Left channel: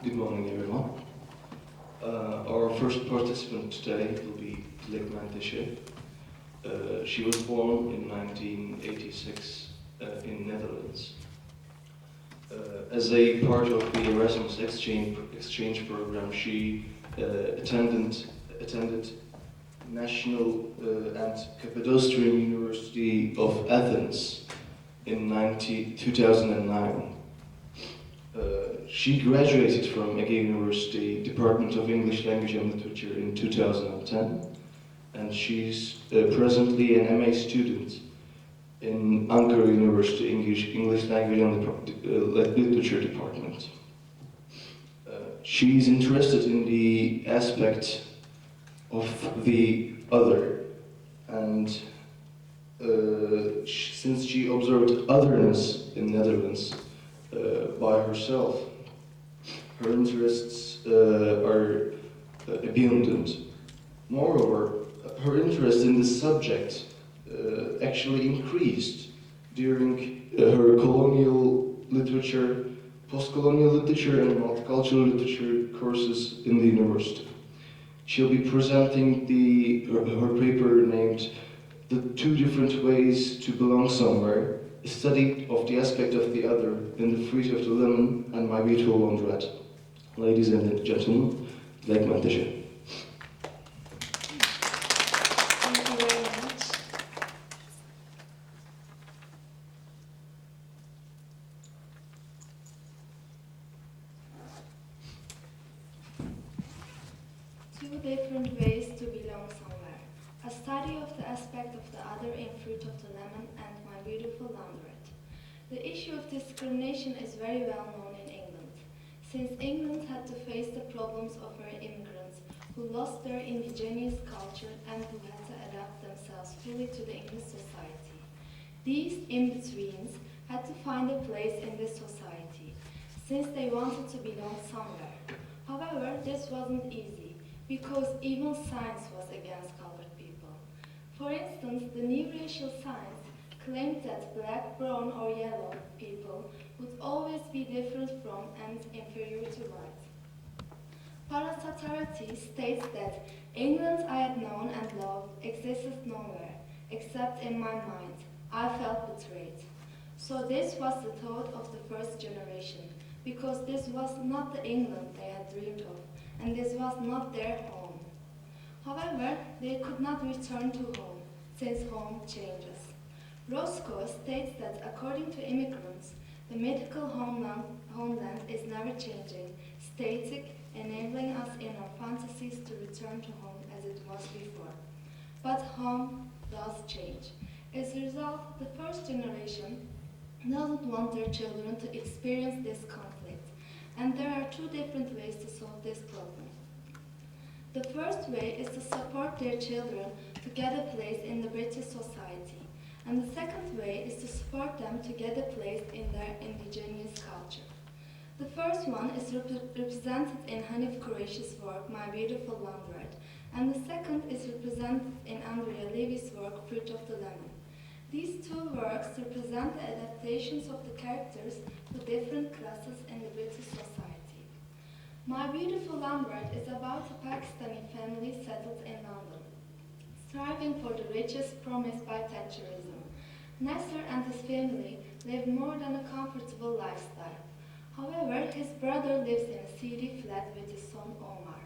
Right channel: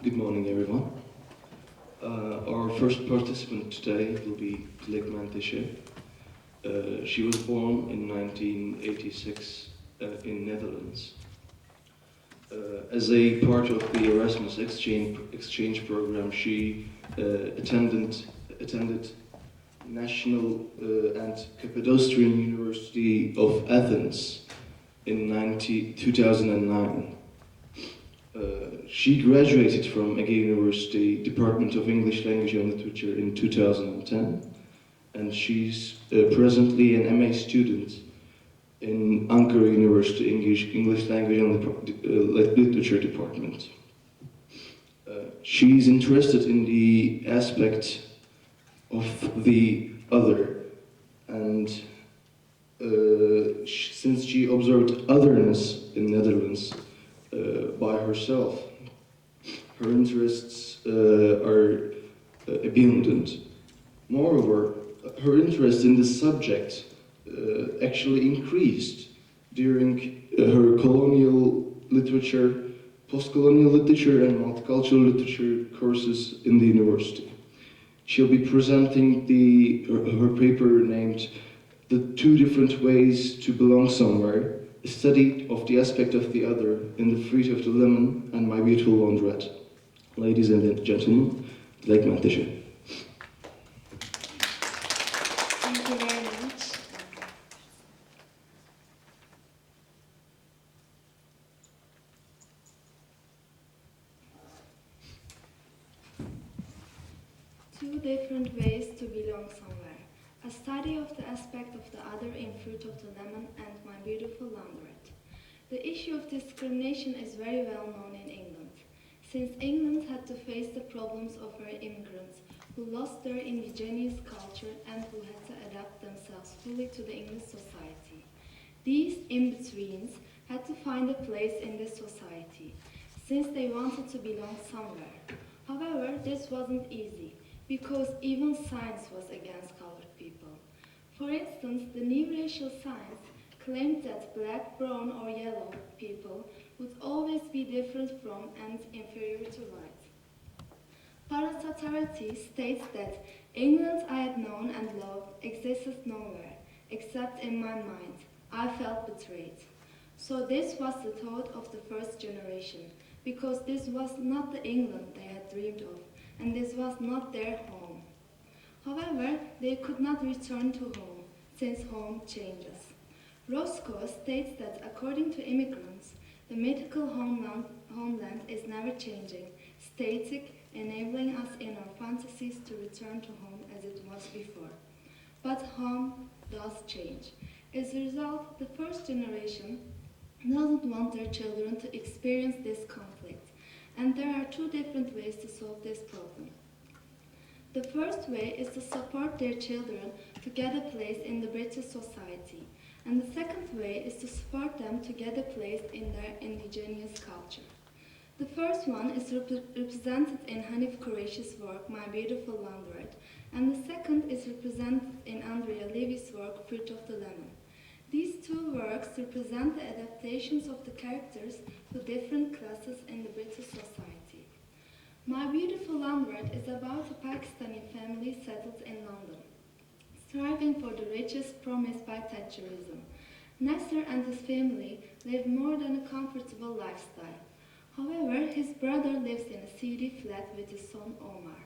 Good morning, everyone. Our first participant today will be Dilek Menteşe. She was born in 1986 in Netherlands. As a part of the Erasmus exchange program, she attended National and Cappadocian University of Athens in 2009. She graduated from Ege University Department of English Language and Literature in 2010, and she's presently an MA student in Ankara University English Language and Literature Department. She's interested in the aspect of the other, and since she observed otherness in Netherlands by herself, her interests are abundant. Moreover, her interest in this subject actually increased during her colonial literature, post-colonial literature, and multicultural literature courses in the university. She'll be presenting her paper named "The Two Different Ways to Belong Somewhere," a study of the aspect of the other in The Fruit of the Lemon and My Beautiful Laundrette. Ladies and gentlemen, Dilek Menteşe. Thank you very much. Two different ways to belong somewhere. A study of the aspect of the other in Fruit of the Lemon and My Beautiful Laundrette. The issue of discrimination is very well known in England, since England had to face the problems of her immigrants who lost their indigenous culture and who had to adapt themselves fully to the English society. These in-betweens had to find a place in this society, since they wanted to belong somewhere. However, this wasn't easy, because even science was against colored people. For instance, the new racial science claimed that black, brown, or yellow people would always be different from and inferior to white. Parasatarati states that England I had known and loved existed nowhere, except in my mind. I felt betrayed. So this was the thought of the first generation, because this was not the England they had dreamed of, and this was not their home. However, they could not return to home, since home changes. Roscoe states that according to immigrants, the mythical homeland is never changing, static, enabling us in our fantasies to return to home as it was before. But home does change. As a result, the first generation doesn't want their children to experience this conflict, and there are two different ways to solve this problem. The first way is to support their children to get a place in the British society, and the second way is to support them to get a place in their indigenous culture. The first one is represented in Hanif Kureishi's work, My Beautiful Laundrette, and the second is represented in Andrea Levy's work, Fruit of the Lemon. These two works represent the adaptations of the characters to different classes in the British society. My Beautiful Laundrette is about a Pakistani family settled in London, striving for the riches promised by Thatcherism. Nasser and his family live more than a comfortable lifestyle. However, his brother lives in a seedy flat with his son Omar.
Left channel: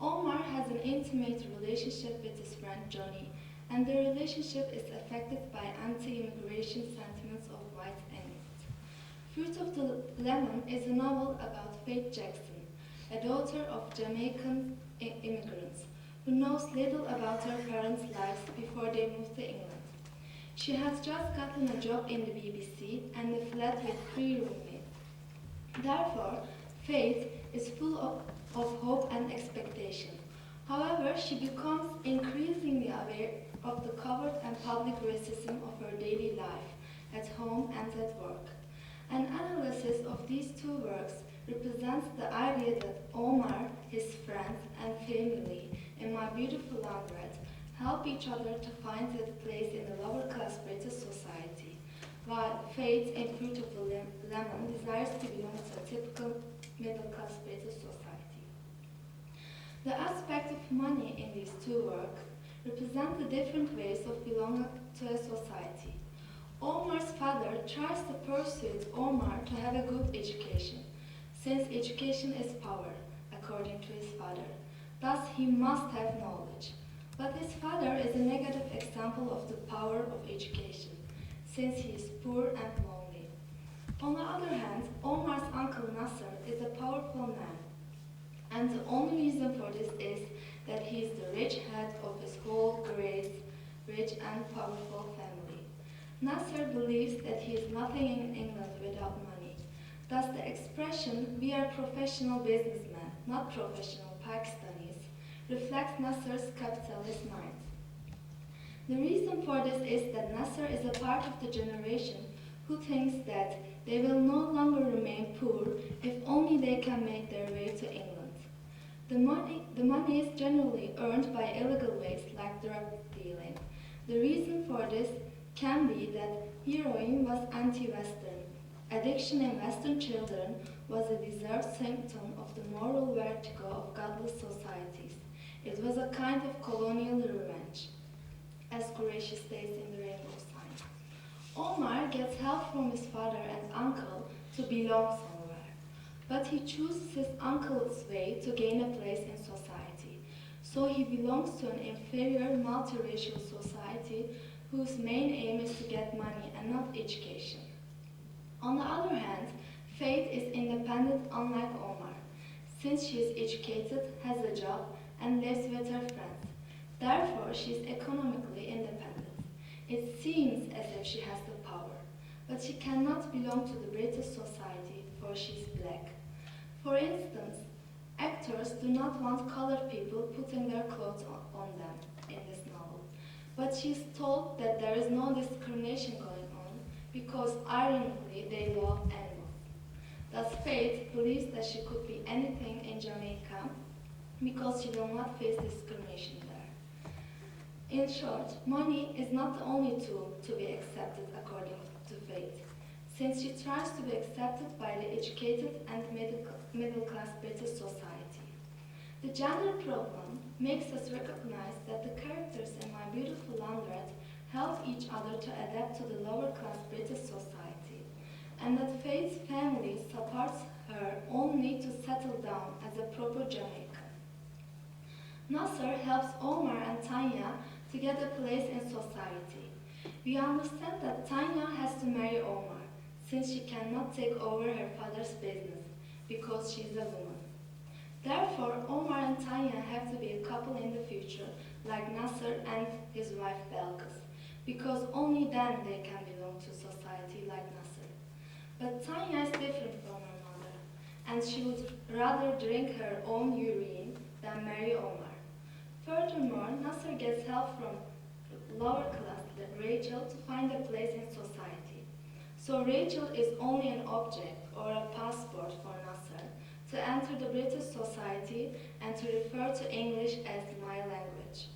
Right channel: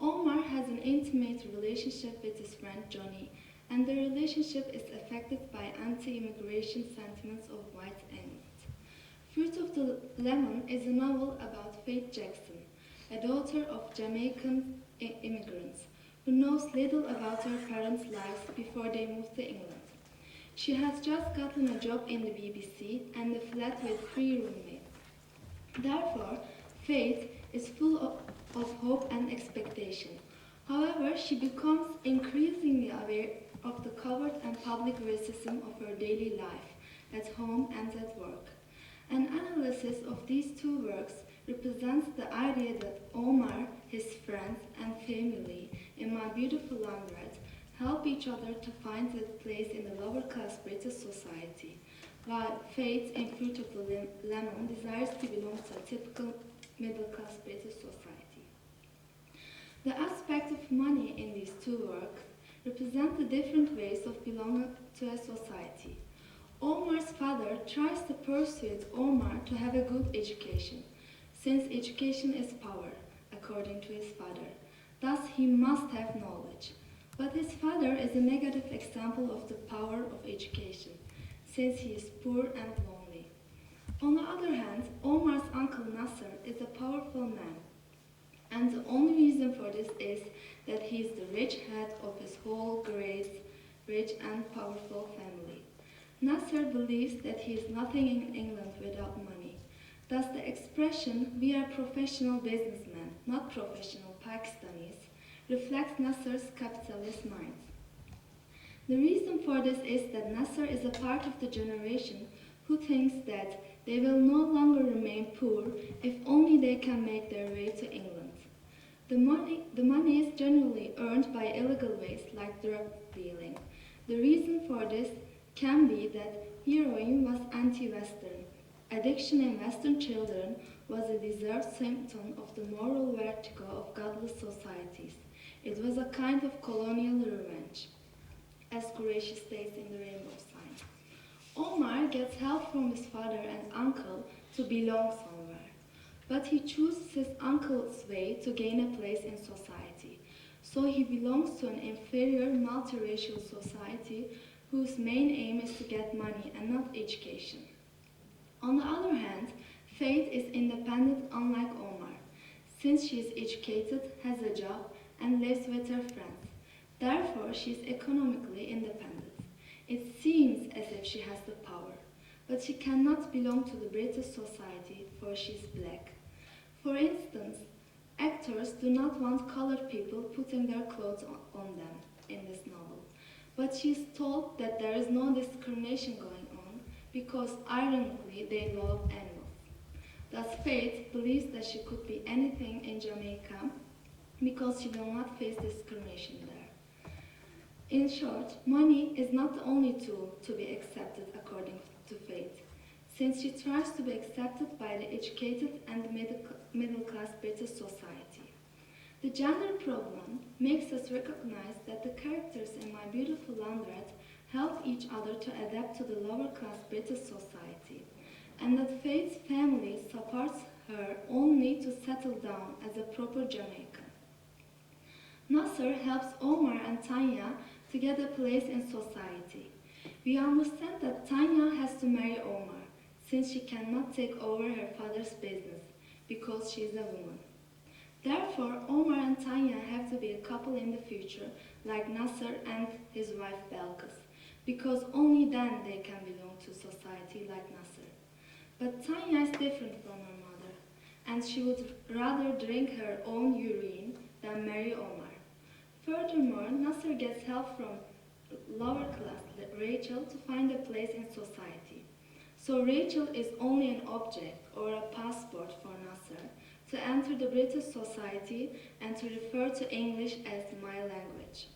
Omar has an intimate relationship with his friend Johnny, and the relationship is affected by anti-immigration sentiments of white England. Fruit of the Lemon is a novel about Faith Jackson, a daughter of Jamaican immigrants, who knows little about her parents' lives before they moved to England. She has just gotten a job in the BBC and a flat with 3 roommates. Therefore, Faith is full of hope and expectation. However, she becomes increasingly aware of the covert and public racism of her daily life, at home and at work. An analysis of these two works represents the idea that Omar, his friends, and family in My Beautiful Laundrette help each other to find a place in the lower class British society, while Faith in Fruit of the Lemon desires to belong to a typical middle-class British society. The aspect of money in these two works represent the different ways of belonging to a society. Omar's father tries to persuade Omar to have a good education, since education is power, according to his father. Thus, he must have knowledge. But his father is a negative example of the power of education, since he is poor and lonely. On the other hand, Omar's uncle Nasser is a powerful man, and the only reason for this is that he is the rich head of his whole great, rich and powerful family. Nasser believes that he is nothing in England without money. Thus the expression, "we are professional businessmen, not professional Pakistanis," reflects Nasser's capitalist mind. The reason for this is that Nasser is a part of the generation who thinks that they will no longer remain poor if only they can make their way to England. The money is generally earned by illegal ways like drug dealing. The reason for this can be that heroin was anti-Western. Addiction in Western children was a deserved symptom of the moral vertigo of godless societies. It was a kind of colonial revenge, as Qureshi states in the Rainbow Sign. Omar gets help from his father and uncle to belong somewhere, but he chooses his uncle's way to gain a place in society. So he belongs to an inferior multiracial society whose main aim is to get money and not education. On the other hand, Faith is independent unlike Omar, since she is educated, has a job, and lives with her friends. Therefore, she is economically independent. It seems as if she has the power, but she cannot belong to the British society, for she is black. For instance, actors do not want colored people putting their clothes on them in this novel, but she is told that there is no discrimination going on because, ironically, they love animals. Thus, Faith believes that she could be anything in Jamaica because she will not face discrimination there. In short, money is not the only tool to be accepted according to Faith, since she tries to be accepted by the educated and middle-class British society. The gender problem makes us recognize that the characters in My Beautiful Laundrette help each other to adapt to the lower-class British society, and that Faith's family supports her only to settle down as a proper Jamaican. Nasser helps Omar and Tanya to get a place in society. We understand that Tanya has to marry Omar, since she cannot take over her father's business, because she is a woman. Therefore, Omar and Tanya have to be a couple in the future, like Nasser and his wife Belkis, because only then they can belong to society like Nasser. But Tanya is different from her mother, and she would rather drink her own urine than marry Omar. Furthermore, Nasser gets help from lower class Rachel to find a place in society. So Rachel is only an object or a passport for Nasser to enter the British society and to refer to English as my language.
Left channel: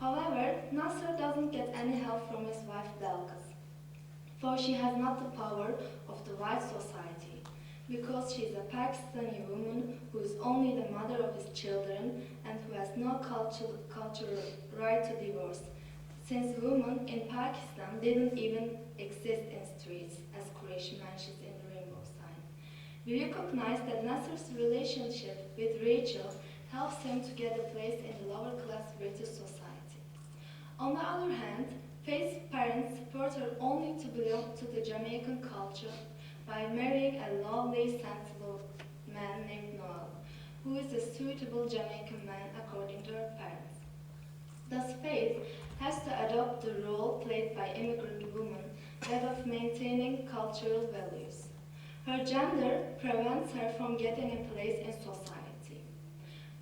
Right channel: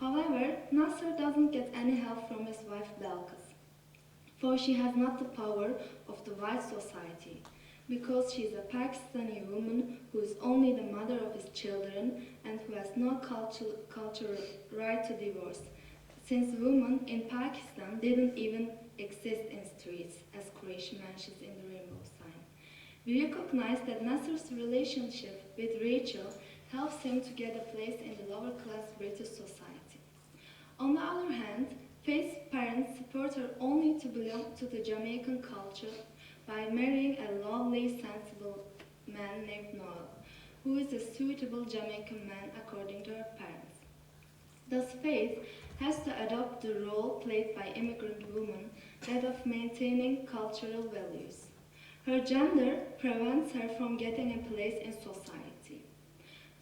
However, Nasser doesn't get any help from his wife Belkis, for she has not the power of the white society, because she is a Pakistani woman who is only the mother of his children and who has no cultural right to divorce, since women in Pakistan didn't even exist in streets, as Qureshi mentions in the Rainbow Sign. We recognize that Nasser's relationship with Rachel helps him to get a place in the lower-class British society. On the other hand, Faith's parents support her only to belong to the Jamaican culture by marrying a lovely, sensible man named Noel, who is a suitable Jamaican man according to her parents. Thus, Faith has to adopt the role played by immigrant women, that of maintaining cultural values. Her gender prevents her from getting a place in society.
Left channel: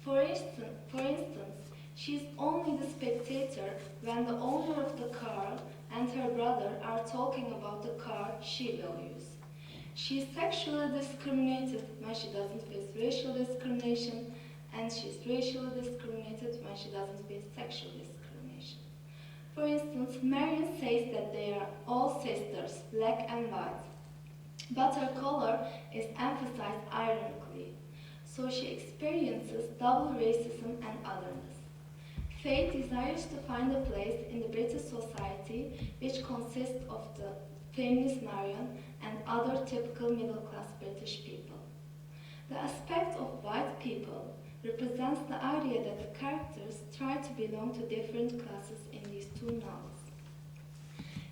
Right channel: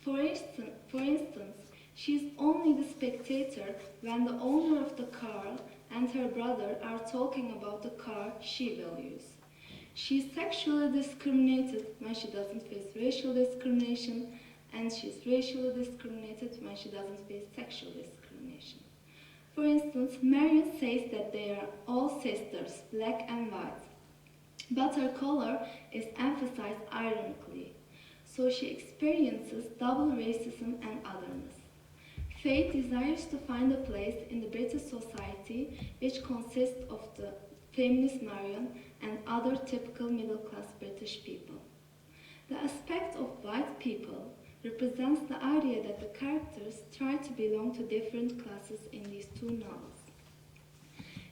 For instance, she is only the spectator when the owner of the car and her brother are talking about the car she values. She is sexually discriminated when she doesn't face racial discrimination, and she is racially discriminated when she doesn't face sexual discrimination. For instance, Marion says that they are all sisters, black and white, but her color is emphasized ironically. so she experiences double racism and otherness. Faith desires to find a place in the British society which consists of the feminist Marion and other typical middle-class British people. The aspect of white people represents the idea that the characters try to belong to different classes in these two novels.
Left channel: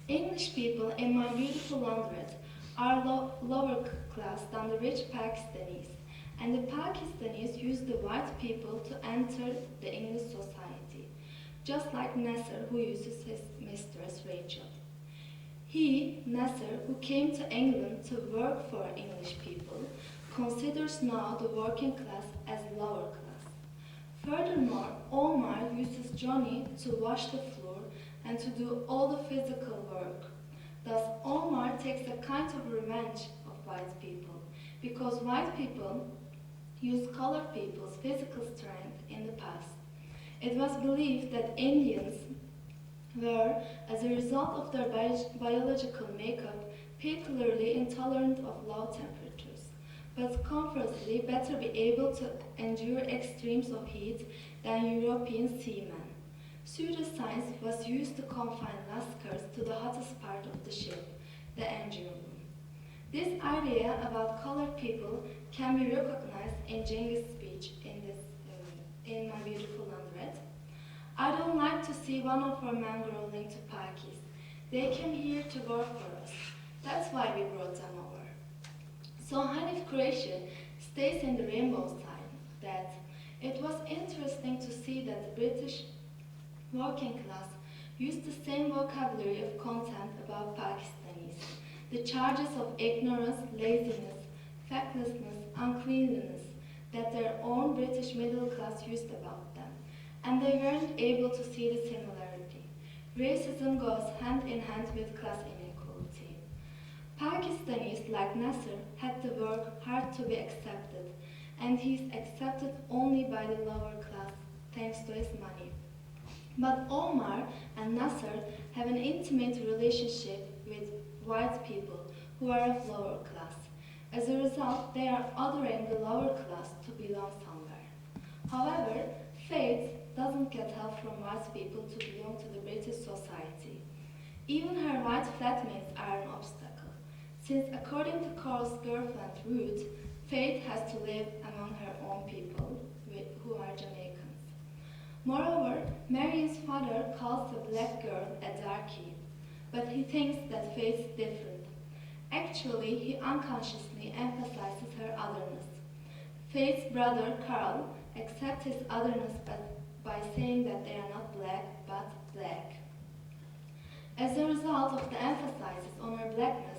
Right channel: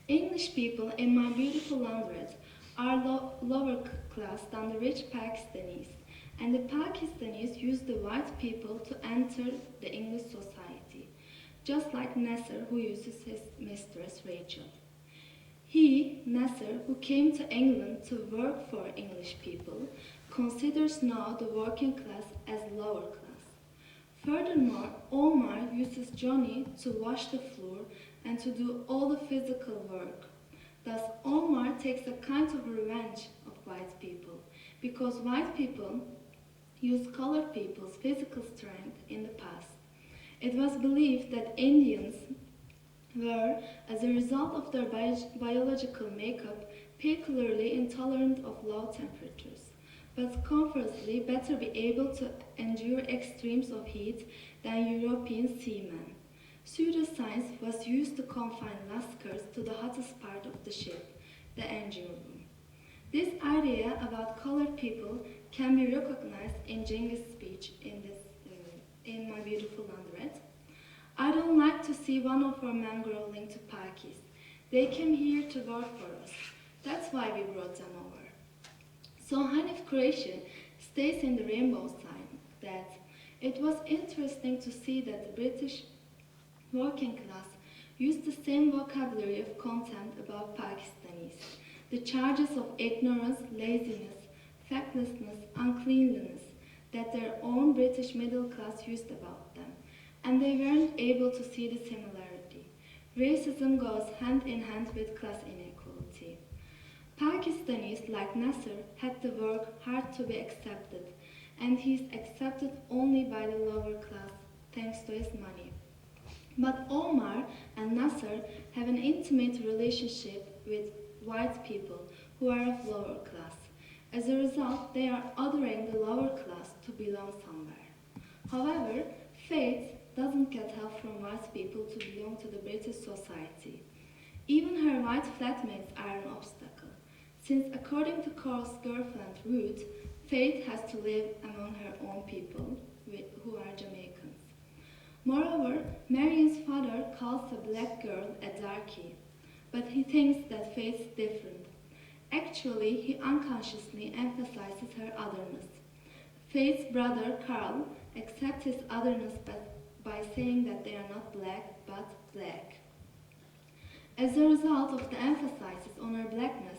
English people in My Beautiful Laundrette are lower class than the rich Pakistanis, and the Pakistanis use the white people to enter the English society, just like Nasser, who uses his mistress Rachel. He, Nasser, who came to England to work for English people, considers now the working class as lower class. Furthermore, Omar uses Johnny to wash the floor and to do all the physical work. Thus, Omar takes a kind of revenge of white people, because white people used colored people's physical strength in the past. It was believed that Indians were, as a result of their biological makeup, peculiarly intolerant of low temperatures, but conversely better be able to endure extremes of heat than European seamen. Pseudoscience was used to confine Lascars to the hottest part of the ship, the engine room. This idea about colored people can be recognized in Cengiz' speech in My Beautiful Laundrette. I don't like to see one of our men growling to Pakis. They came here to work for us. That's why we brought them over. So Hanif Qureshi states in the Rainbow Sign that it was interesting to see that the British working class used the same vocabulary of contempt about Pakistanis, the charges of ignorance, laziness, fecklessness, uncleanliness that their own British middle class used about them, and they weren't able to see the similarity. Racism goes hand in hand with class inequality. Pakistanis, like Nasser, had to work hard to be accepted, and he's accepted only by the lower class thanks to his money. But Omar and Nasser have an intimate relationship with white people who are of lower class. As a result, they are othering the lower class to belong somewhere. However, Faith doesn't get help from white people to belong to the British society. Even her white flatmates are an obstacle, since according to Cole's girlfriend Ruth, Faith has to live among her own people, who are Jamaicans. Moreover, Marion's father calls the black girl a darky, but he thinks that Faith's different. Actually, he unconsciously emphasizes her otherness. Faith's brother, Carl, accepts his otherness by saying that they are not black, but black. As a result of the emphasis on her blackness,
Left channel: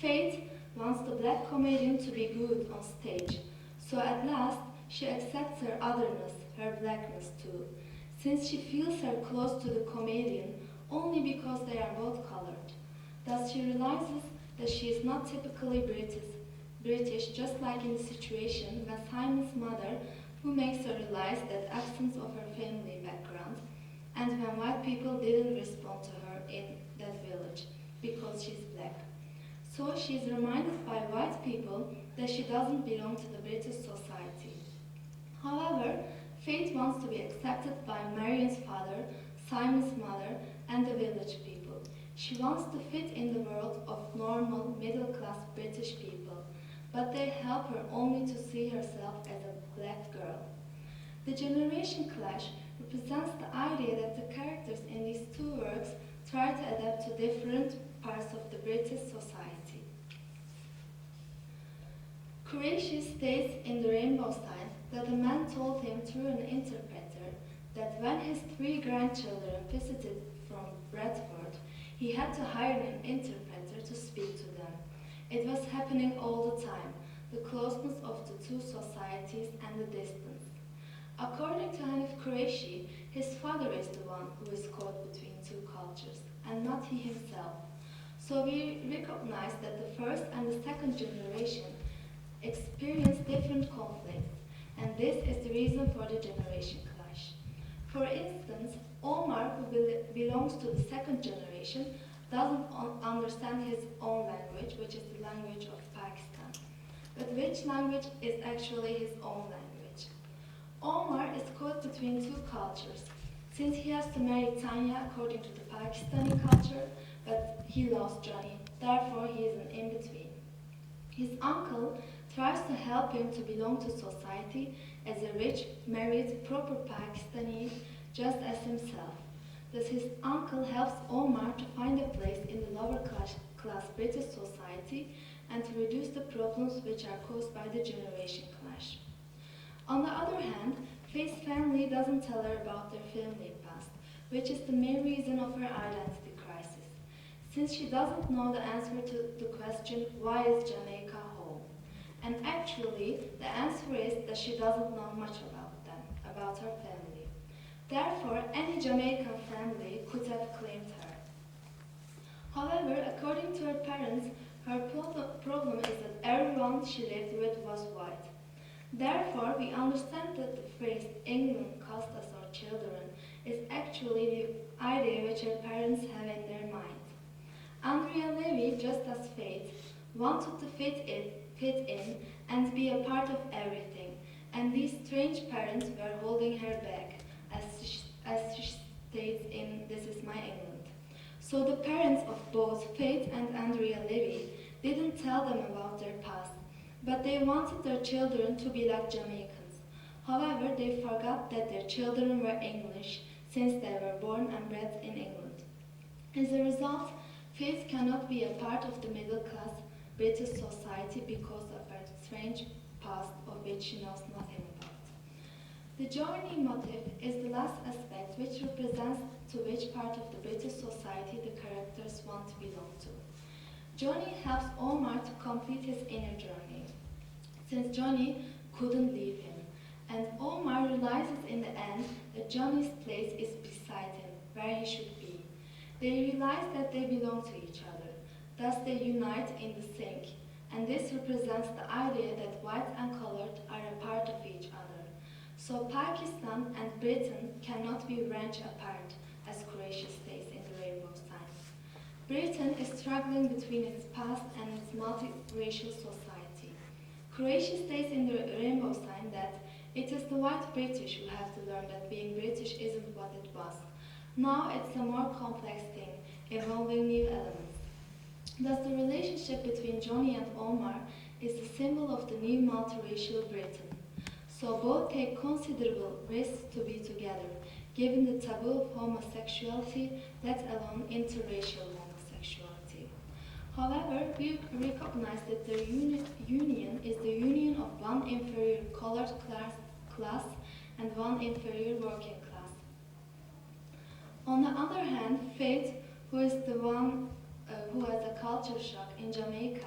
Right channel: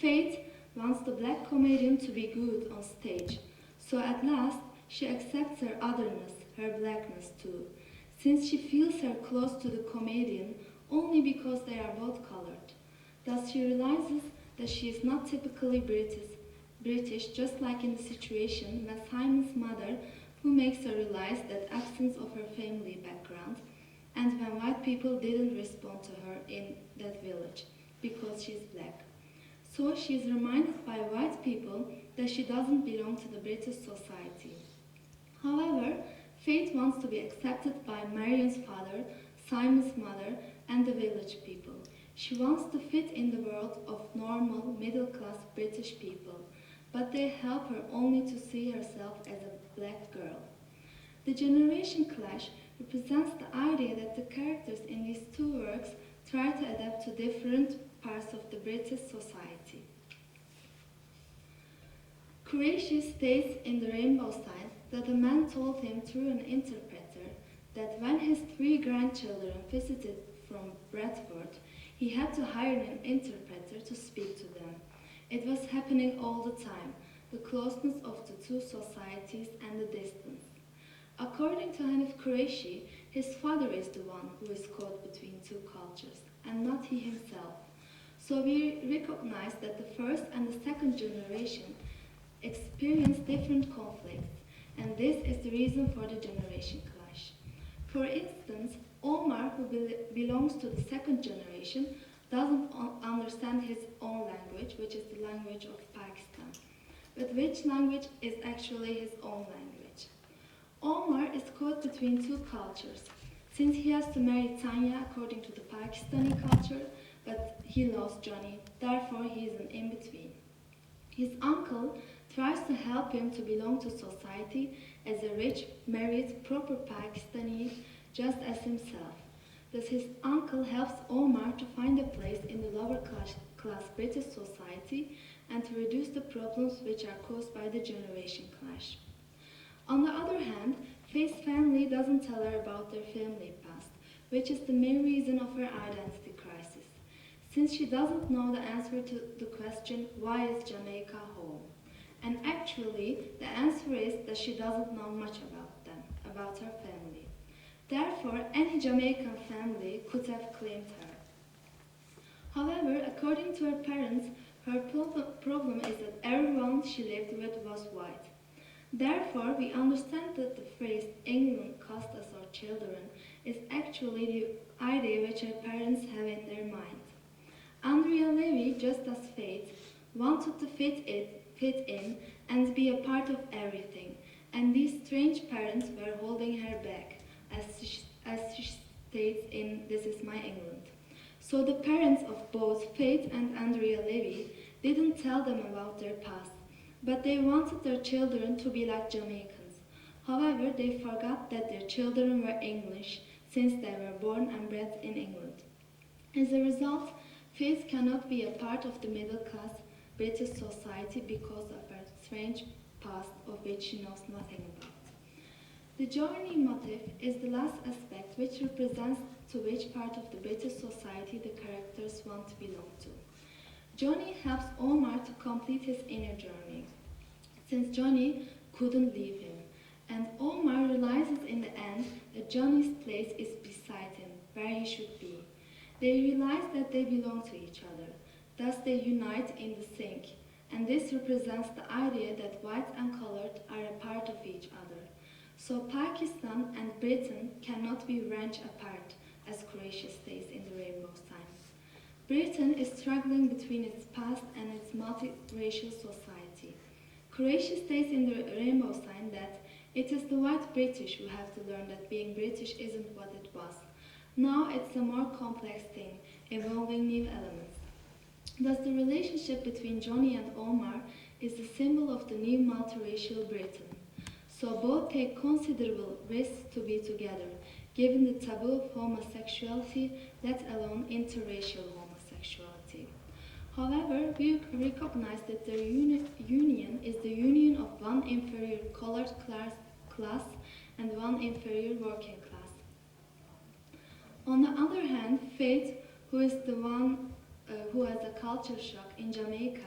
Faith wants the black comedian to be good on stage, so at last she accepts her otherness, her blackness too, since she feels her close to the comedian only because they are both colored. Thus she realizes that she is not typically British, just like in the situation when Simon's mother, who makes her realize that absence of her family background, and when white people didn't respond to her in that village because she's black. So she is reminded by white people that she doesn't belong to the British society. However, Faith wants to be accepted by Marion's father, Simon's mother, and the village people. She wants to fit in the world of normal, middle-class British people, but they help her only to see herself as a black girl. The generation clash represents the idea that the characters in these two works try to adapt to different parts of the British society. Qureshi states in The Rainbow Sign that a man told him through an interpreter that when his 3 grandchildren visited from Bradford, he had to hire an interpreter to speak to them. It was happening all the time, the closeness of the two societies and the distance. According to Hanif Qureshi, his father is the one who is caught between two cultures, and not he himself. So we recognize that the first and the second generation experience different conflicts, and this is the reason for the generation clash. For instance, Omar, who belongs to the second generation, doesn't understand his own language, which is the language of Pakistan. but which language is actually his own language. Omar is caught between two cultures, since he has to marry Tanya according to the Pakistani culture, but he loves Johnny, therefore he is an in-between. His uncle tries to help him to belong to society as a rich, married, proper Pakistani, just as himself. Thus his uncle helps Omar to find a place in the lower class British society and to reduce the problems which are caused by the generation clash. On the other hand, Faith's family doesn't tell her about their family past, which is the main reason of her identity crisis, since she doesn't know the answer to the question, why is Jamaica home? And actually, the answer is that she doesn't know much about them, about her family. Therefore, any Jamaican family could have claimed her. However, according to her parents, her problem is that everyone she lived with was white. Therefore, we understand that the phrase England cost us our children is actually the idea which her parents have in their mind. Andrea Levy, just as Faith, wanted to fit in and be a part of everything, and these strange parents were holding her back, as she states in This Is My England. So the parents of both Faith and Andrea Levy didn't tell them about their past, but they wanted their children to be like Jamaicans. However, they forgot that their children were English since they were born and bred in England. As a result, Faith cannot be a part of the middle-class British society because of her strange past of which she knows nothing about. The journey motif is the last aspect which represents to which part of the British society the characters want to belong to. Johnny helps Omar to complete his inner journey, since Johnny couldn't leave him, and Omar realizes in the end that Johnny's place is beside him, where he should be. They realize that they belong to each other, thus they unite in the sink, and this represents the idea that white and colored are a part of each other. So Pakistan and Britain cannot be wrenched apart, as Croatia states in the Rainbow Sign. Britain is struggling between its past and its multiracial society. Croatia states in the Rainbow Sign that it is the white British who have to learn that being British isn't what it was. Now it's a more complex thing, involving new elements. Thus the relationship between Johnny and Omar is the symbol of the new multiracial Britain. So both take considerable risks to be together, given the taboo of homosexuality, let alone interracial homosexuality. However, we recognize that their union is the union of one inferior colored class and one inferior working class. On the other hand, Faith, who is the one who has a culture shock in Jamaica,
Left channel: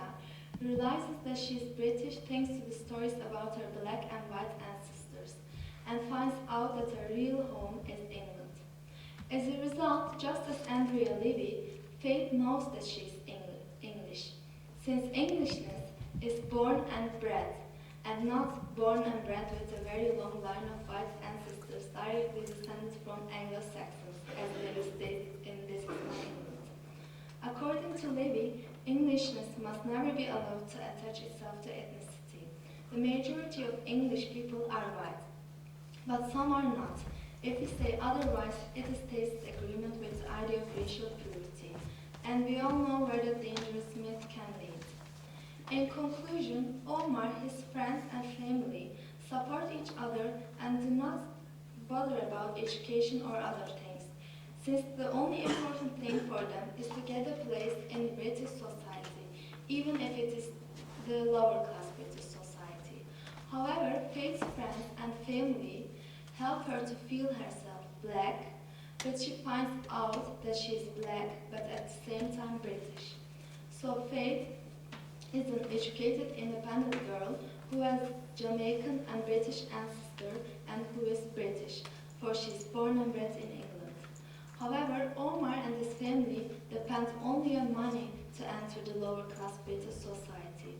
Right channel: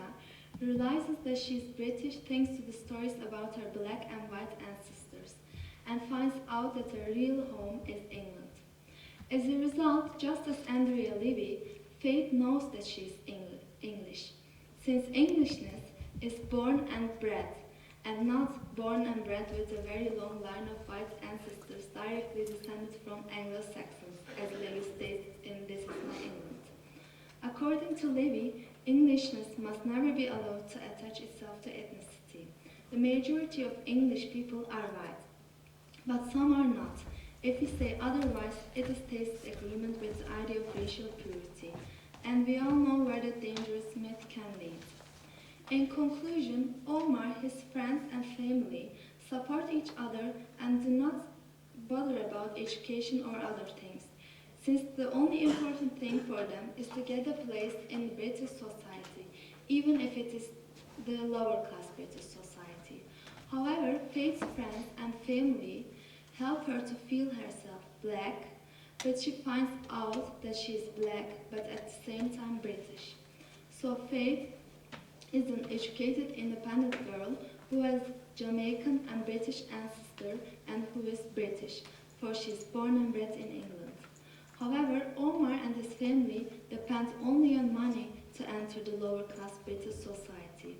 realizes that she is British thanks to the stories about her black and white ancestors, and finds out that her real home is England. As a result, just as Andrea Levy, Faith knows that she is English, since Englishness is born and bred, and not born and bred with a very long line of white ancestors directly descended from Anglo-Saxons, as Levy states in This Is My England. According to Levy, Englishness must never be allowed to attach itself to ethnicity. The majority of English people are white, but some are not. If we say otherwise, it is taste agreement with the idea of racial purity, and we all know where that dangerous myth can lead. In conclusion, Omar, his friends and family support each other and do not bother about education or other things, since the only important thing for them is to get a place in British society, even if it is the lower class British society. However, Faith's friends and family help her to feel herself black, but she finds out that she is black but at the same time British. So Faith is an educated, independent girl who has Jamaican and British ancestor and who is British, for she is born and bred in England. However, Omar and his family depend only on money to enter the lower class British society.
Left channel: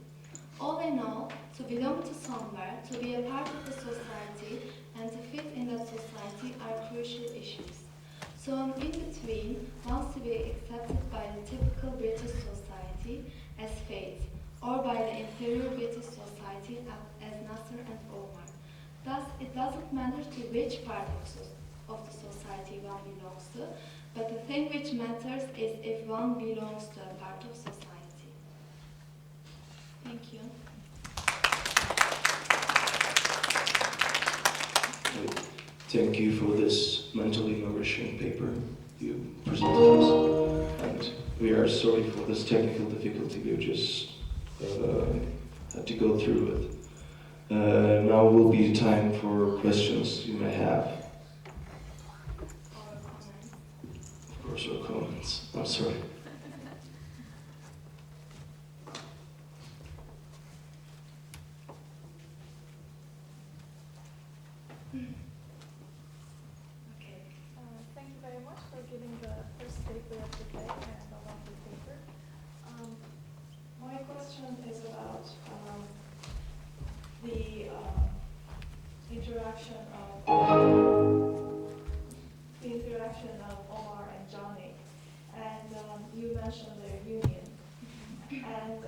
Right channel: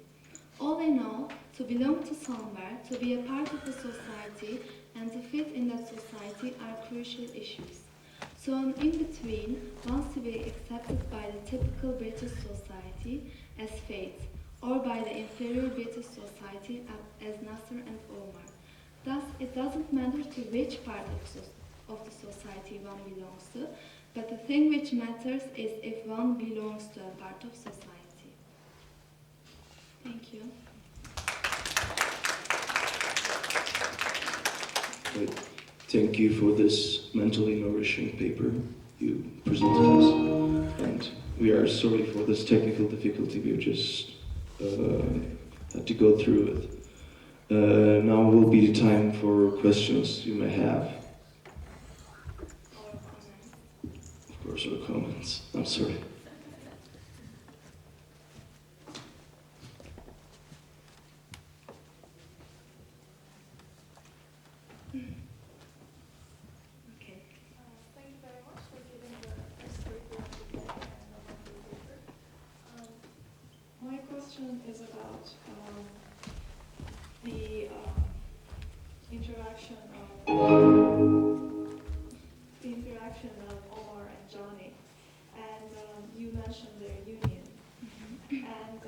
All in all, to belong to somewhere, to be a part of the society, and to fit in that society are crucial issues. So an in-between wants to be accepted by the typical British society as Faith, or by the inferior British society as Nasser and Omar. Thus, it doesn't matter to which part of the society one belongs to, but the thing which matters is if one belongs to a part of society. Thank you. Right. Thank you for this mentally nourishing paper you presented us. And we are sorry for this technical difficulty we just had to go through with. Now will be the time for questions you may have. Or comments. Of course, or comments. I'm sorry. Okay. Thank you very much for giving the first paper of the day and the lovely paper. My question is about the interaction of Omar and Johnny, and you mentioned their union, and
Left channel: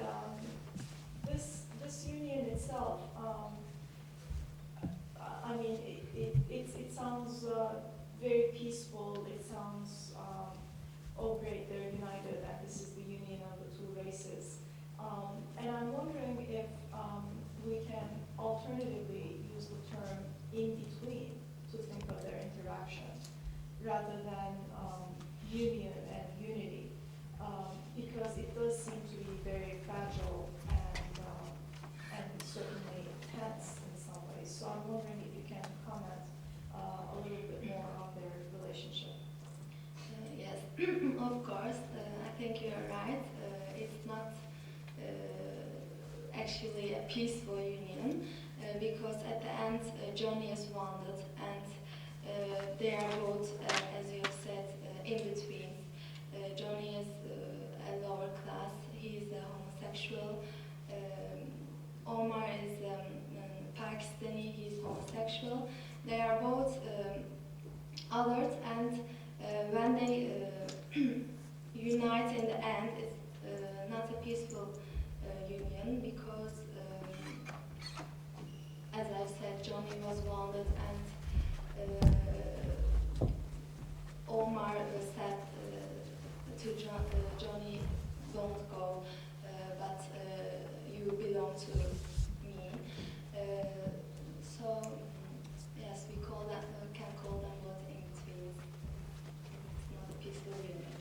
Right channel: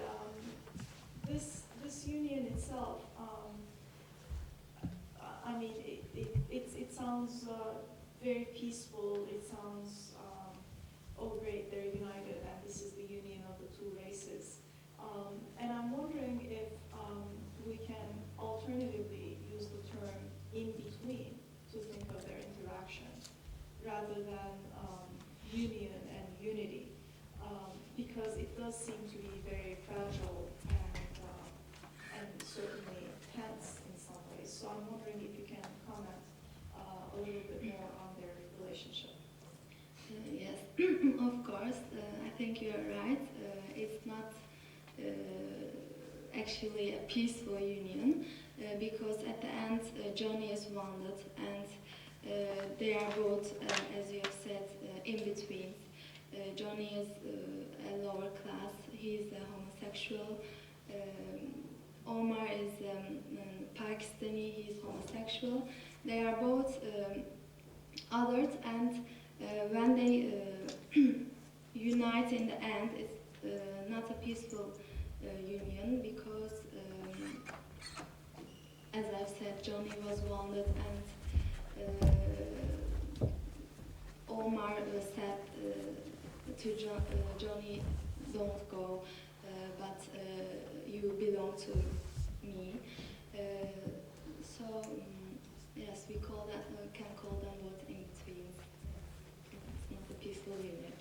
this union itself. I mean, it sounds very peaceful. It sounds, oh great, they're united, and this is the union of the two races. And I'm wondering if we can alternatively use the term in between to think of their interaction, rather than union and unity, because it does seem to be very fragile and certainly tense in some ways. So I'm wondering if you can comment a little bit more on their relationship. Yes, of course. I think you're right. It's not actually a peaceful union because at the end Johnny is wounded and they are both, as you have said, in between. Johnny is a lower class. He's a homosexual. Omar is Pakistani. He's homosexual. They are both othered, and when they unite in the end, it's not a peaceful union because, as I've said, Johnny was wounded, and Omar said to Johnny, "Don't go, but you belong to me." So yes, we can call them both in between. It's not a peaceful union.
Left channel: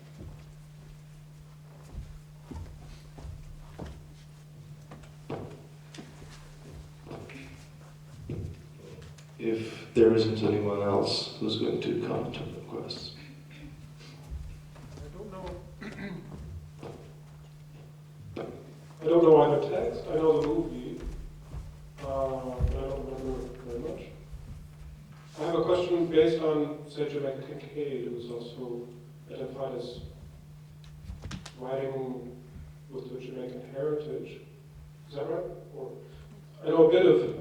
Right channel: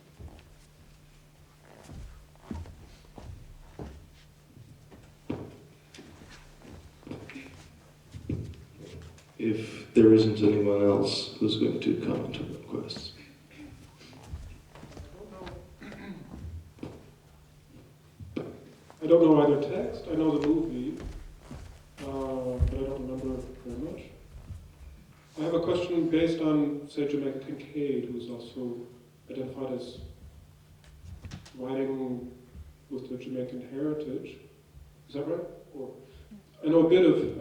If there isn't anyone else who's going to comment on the request. I don't know either text. I know the movie, but I don't remember very much. I have a question based on, say, Jamaica Kincaid, who's also identified as writing with the Jamaican heritage. Is that right? Or I know a bit of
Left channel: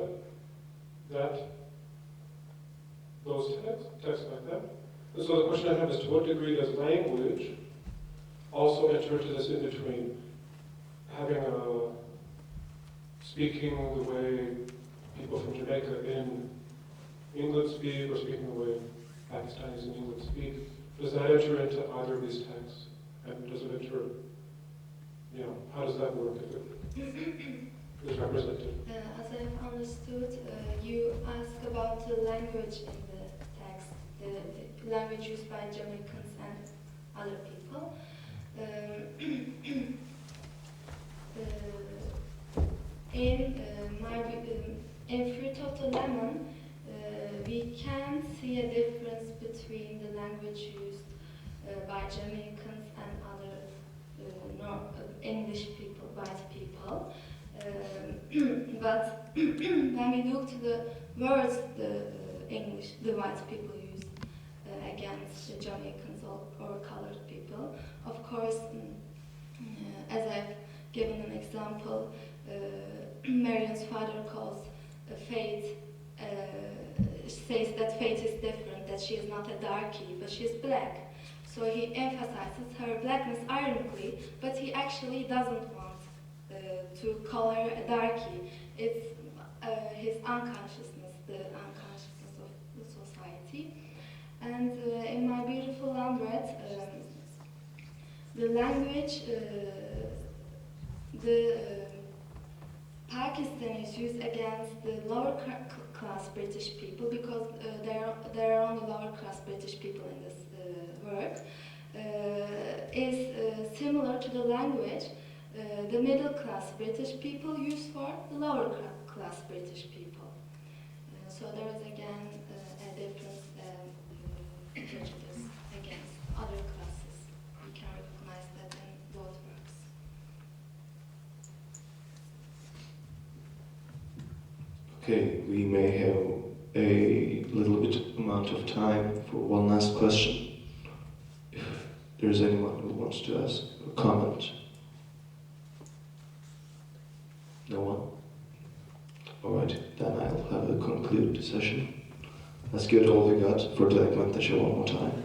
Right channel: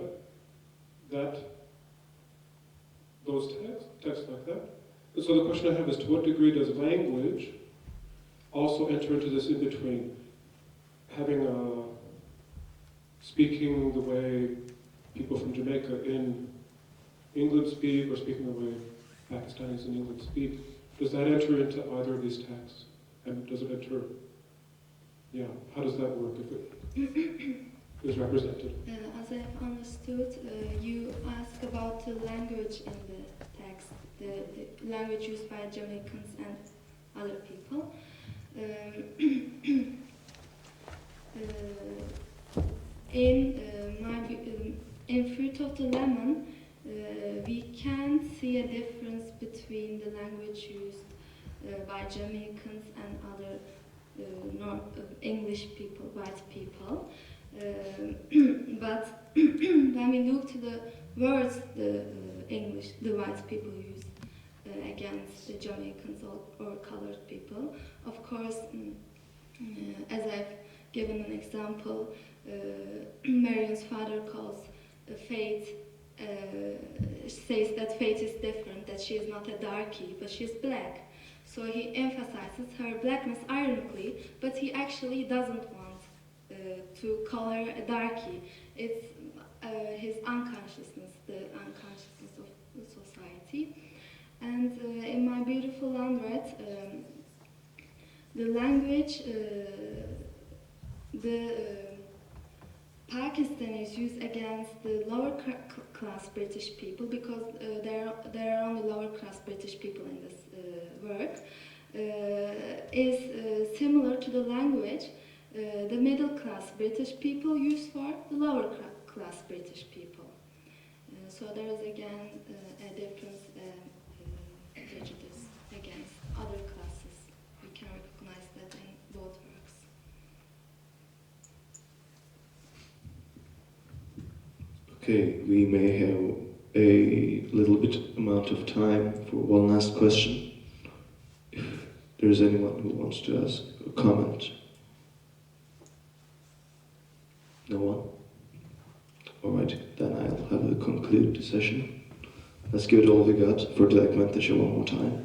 those texts like that. And so the question I have is, to what degree does language also enter into this in-between? Having speaking the way people from Jamaica in England speak, or speaking the way Pakistanis in England speak, does that enter into either of these texts? And does it enter, how does that work if it is represented? As I've understood, you ask about the language in the text, the language used by Jamaicans and other people. In Fruit of the Lemon, we can see a difference between the language used by Jamaicans and other English people, white people. But when we look to the words the white people use against the Jamaicans or colored people, of course, as I've given an example, Marion's father calls Faith, says that Faith is different, that she is not a darkie, but she's black. So he emphasizes her blackness ironically, but he actually doesn't want to call her a darkie. It's his unconsciousness, the unconsciousness of the society. And in my beautiful unread, the language, the Pakistanis use against the lower class British people, because there are only lower class British people in this work, is similar to the language the middle class British people use for the lower class British people. So there is again a difference, prejudice against other classes. You can recognize that in both works. Okay, we may have a little bit amount of time for one last question. If there's anyone who wants to ask a comment. No one? Alright, then I'll have a conclude the session. Let's give it all we got for the Ekmek Taşı one more time.